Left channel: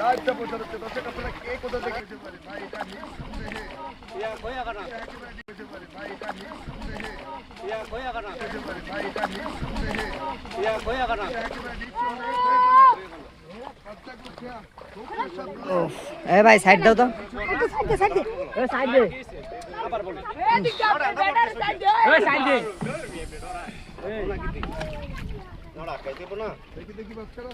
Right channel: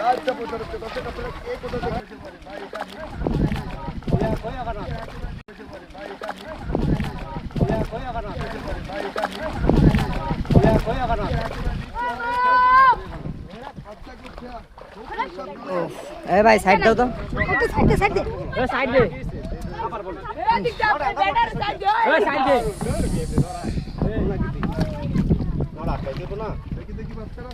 লাইভটা প্রচার হচ্ছে দর্শক আপনারা কে কোথা থেকে এ ভাই সাইড দাও তো সাইডে সাইডে এ সাইড দে সাইড দে দেখি দেখি বাচ্চারা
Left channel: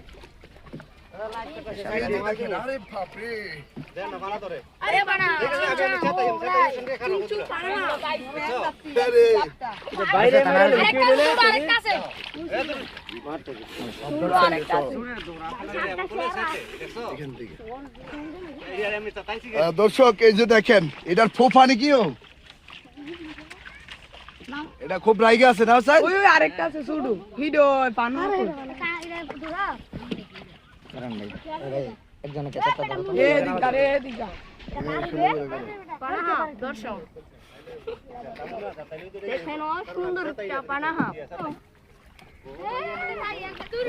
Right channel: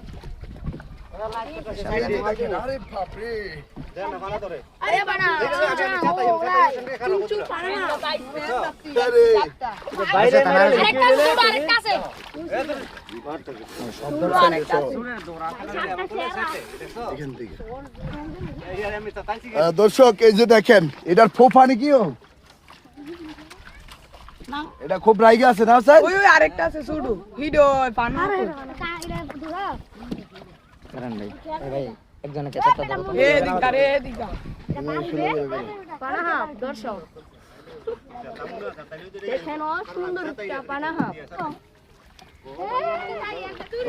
দর্শক এই যে দেখেন এটার ফোফানি কি ও? এটা খুব রাইগে আছে না স্যার? ওই আরেকটা আছে শুধু ভিডিও পানো কারণ ভাই এ ভাই একজনকে চারটা দাও এ দর্শক দেখেন ও সুন্দর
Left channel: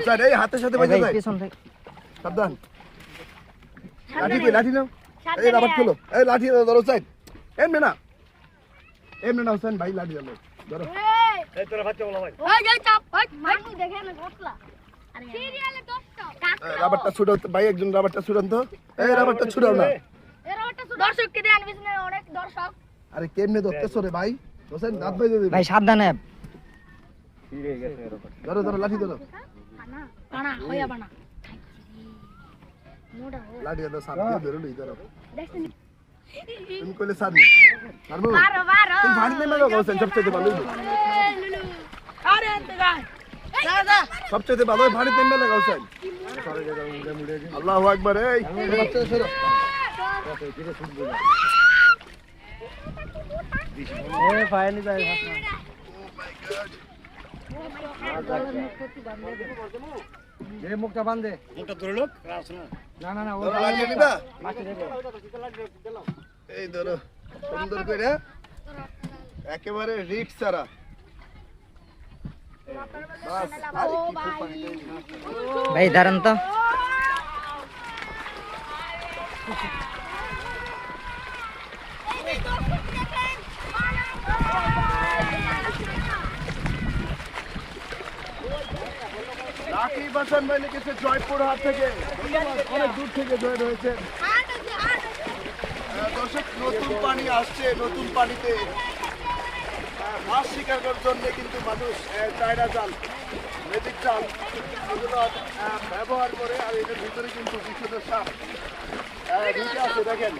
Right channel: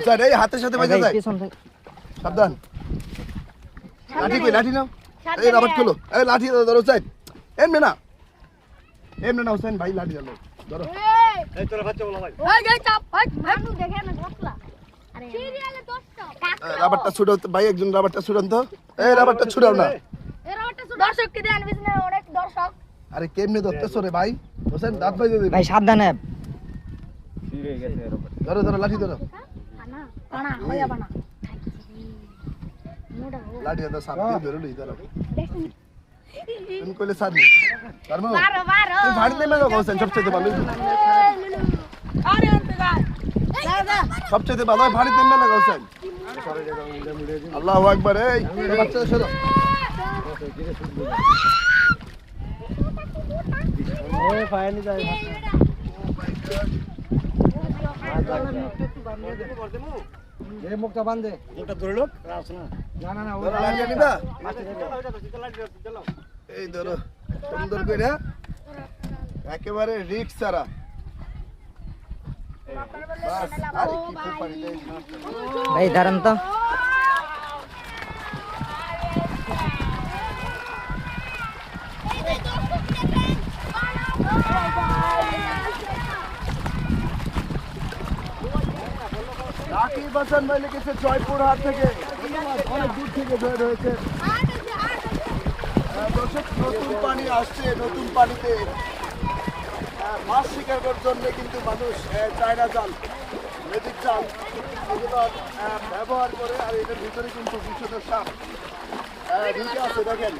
স্যার এই হাতের সাথে এ যায় সাবধান। লাঠি কই লাঠি নাও। এই রবার্ট খুলো। এই লাঠি দাও, ধরো স্যার এমনি না এমনি না হোসেন ভাই লাঠি আলো। ধরো এই তোরা বাচ্চা বলো ভাই। ওই যাই চাপ ভাই মানু দেখেন না রাবারটা ছুড়াও ভাই একজন রাবারটা ছুড়ান তো। এই রাবারটা ছুড়াও না। দর্শক কে দেন বিজনে অনেক দর্শক। আরে কেমনে ধরতেছো রে ভাই? হোসেন দাঁত ভাই দিবি ভাই সাবধানে। ধরো ধরো লাঠি ধরো। লাঠি সাপ দিয়ে ধরে লই ধরো। তুমি কইলে সার নি পারব ভাড়ি হোসেন সবচেয়ে ভালো। আরে দাদা সবচেয়ে ভালো ভাড়ি দেন না হোসেন আল্লাহু আকবার এই। বাচ্চা সরো না। না না ধরো এই সুন্দর করে একেবারে রিক্স ছাড়া। বাস, আরে কি ফুফানি দেয় না। ভাই দাঁড়ান তো রাকিব হাসান ভাই লিখেছে জয়পুরহাট থেকে অনেক দূর থেকে জয়েন হয়েছে আহ, দর্শক নতুন পানি আসছে নতুন পানিতে আহ, মাছ শিকার করার জন্য কিন্তু মানুষ চায়না জাল মেজিক জাল এগুলো ব্যবহার করে আর এটার ভিতরে কিন্তু বিষধর সাপ দুইটা আছে দেখেন।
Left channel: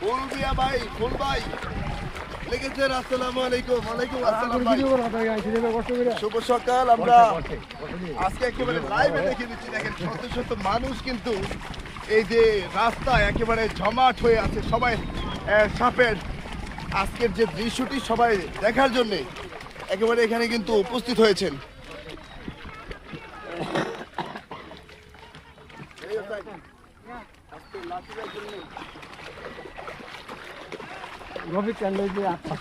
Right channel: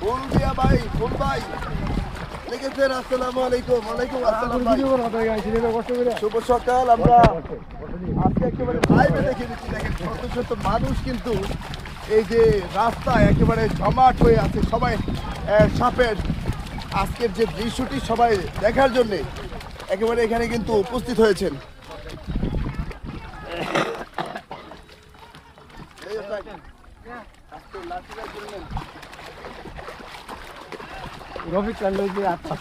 ফুল দিয়া ভাই ফুল ভাই লিখেছেন আসসালামু আলাইকুম ওয়ালাইকুম আসসালাম ভাই। শুভ সকাল আমরা আজকে একেবারে লাইভে দেখে দিচ্ছি দেখেন শত শত মানুষ কিন্তু এই যে রাস্তায় একেবারে জমাট হয়ে আছে সবাই সাপের আজকের যে দৃশ্যটি সবাই দেখার জন্য একেবারে এখানে কিন্তু উপস্থিত হয়েছেন। রবি কান্ড যে আচ্ছা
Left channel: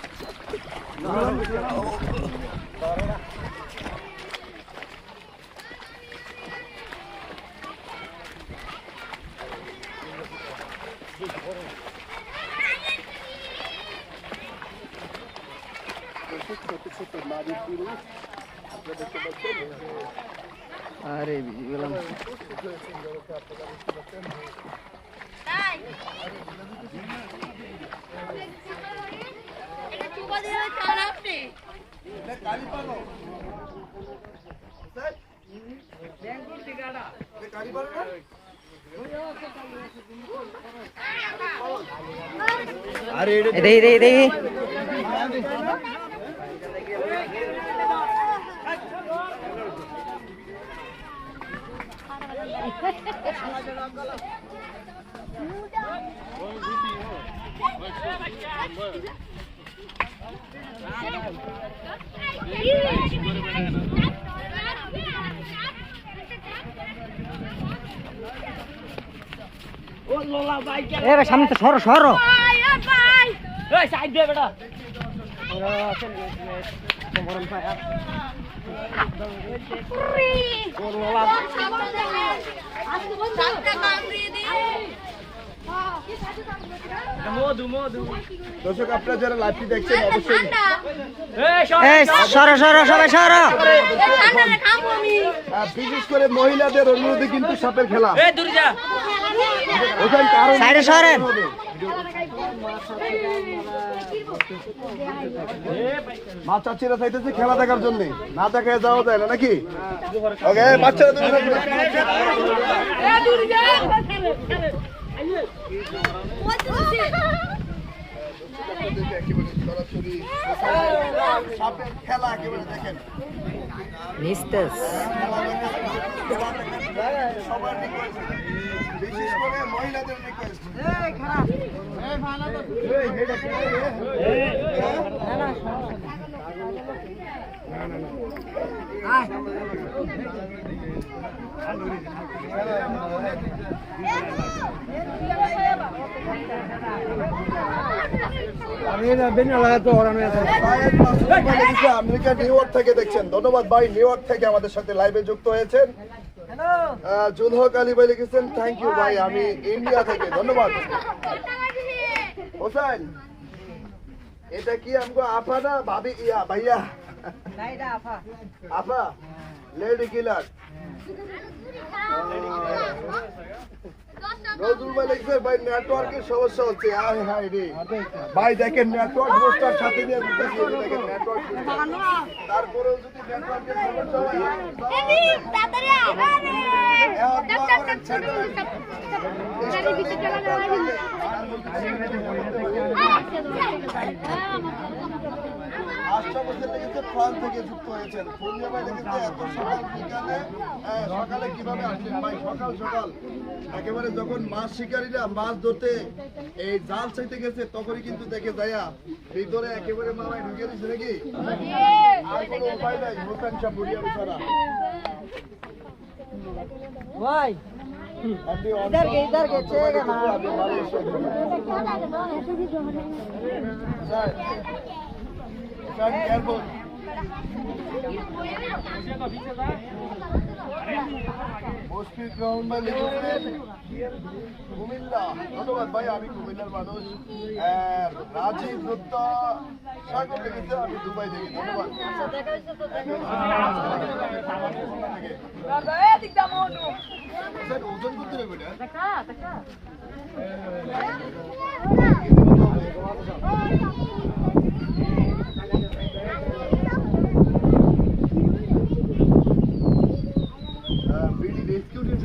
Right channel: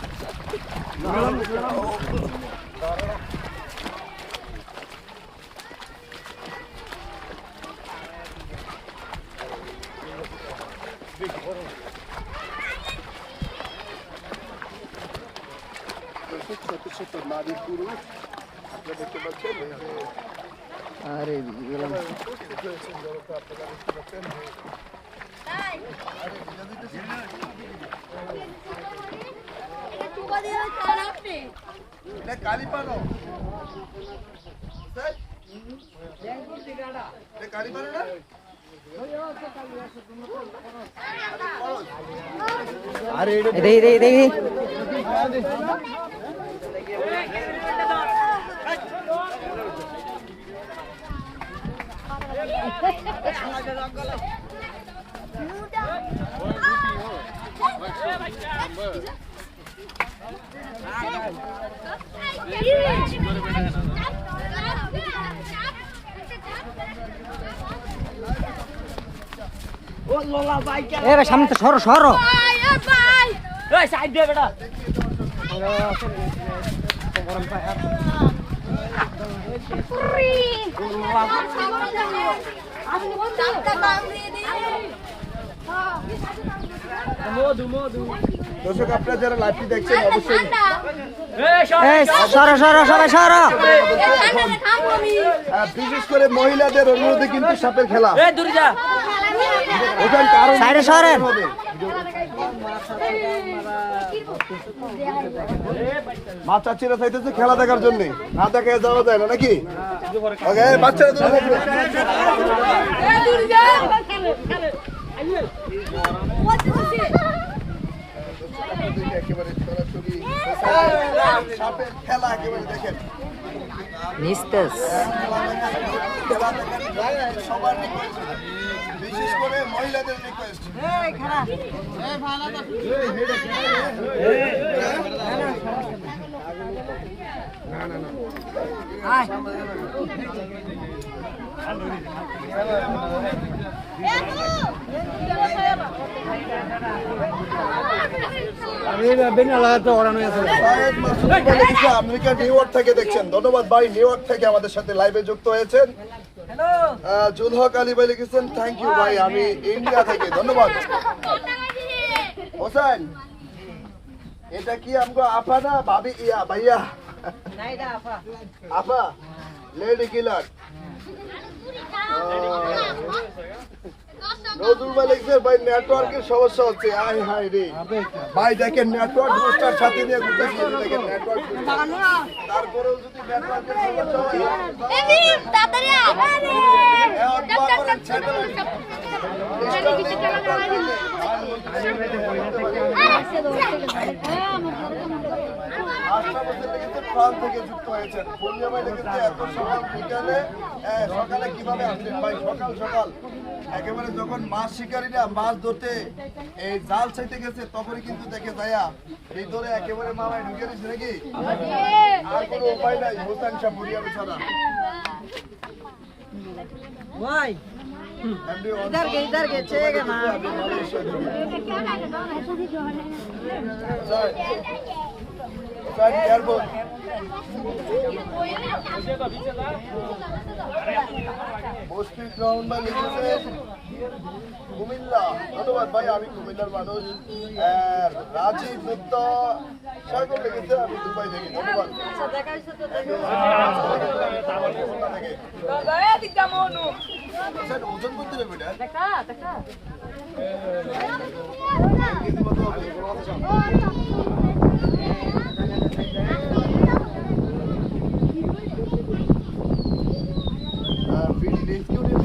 ছোট ছোট নারী পুরুষ আপনারা দেখতে পাচ্ছেন আরে গেলাম আপনারা দেখতে পাচ্ছেন না এ ভাই সামনে তো সরো সরো সাইড দে বেটা Free! মধু মধু দর্শক আপনারা যারা লাইভটি দেখছেন অবশ্যই সরো। সরো সবাই সরো। বিশেষ করে মহিলাদের অনুরোধে কিন্তু সাপের খেলা। কারণ সাইডে সরেন। মা চাচিরা চাইতেছে খেলা দেখার জন্য। না দেখে যাওয়া যায় না নাকি? ওকে বাচ্চারা তুমি থাকবে এ দূরে যা একেবারে সরাসরি সাপের খেলা একেবারে দেখেন নিস্তেজ সবার request। আমেরিকা নিউ ইয়র্ক থেকে দেখছেন ধন্যবাদ ভাই নিউ ইয়র্ক থেকে আমাদের সাথে লাইভে যুক্ত হয়েছেন আহ, জুল হক আলী ভাই লিখেছেন থ্যাংক ইউ ভাই আমি ইন্ডিয়া থেকে ধন্যবাদ হোসেন এটা কি আমগো আপা ভাবি ইয়া ভাইয়া আপা লেডি কিলার নজরুল ভাই নেটওয়ার্কের সমস্যা হচ্ছে হায় রে ভাই দেখেন নেটওয়ার্ক বুস্টার সাথে নিয়ে এই দেখেন নেটওয়ার্ক তারপরেও যদি নেটওয়ার্কের সমস্যা হয় আটটা বছর লেগেছে ফ্রান্স থেকে যুক্ত হয়েছেন পূর্ণিমা ভাই লেগেছে এত সকাল বিকালে হ্যাঁ, সকালে কিভাবে আসছেন ভাই সকাল সকাল একেবারে যখন মাছ শিকারীরা মাছ ধরতে এই জাল চাইতে গেছে তখনই কিন্তু দেখে যায়া ভিতরে একেবারে মামায় ঢুকে দিচ্ছে নাকি আর কোনো উপায় নাই হোসেন শাহ বুড়িয়া বিছানা ভাই এমনি इधर के इधर के चेगा ना মুশকিল গ্রাউন্ড বা লিখেছে কুমিল্লা ধন্যবাদ ভাই আমি কুমিল্লার মানুষ রাজীব মুক্তা সাগর লিখেছে আমি দুবাই থেকে ধন্যবাদ ওজন করতে হবে এটা ভিডি রেস্কিউ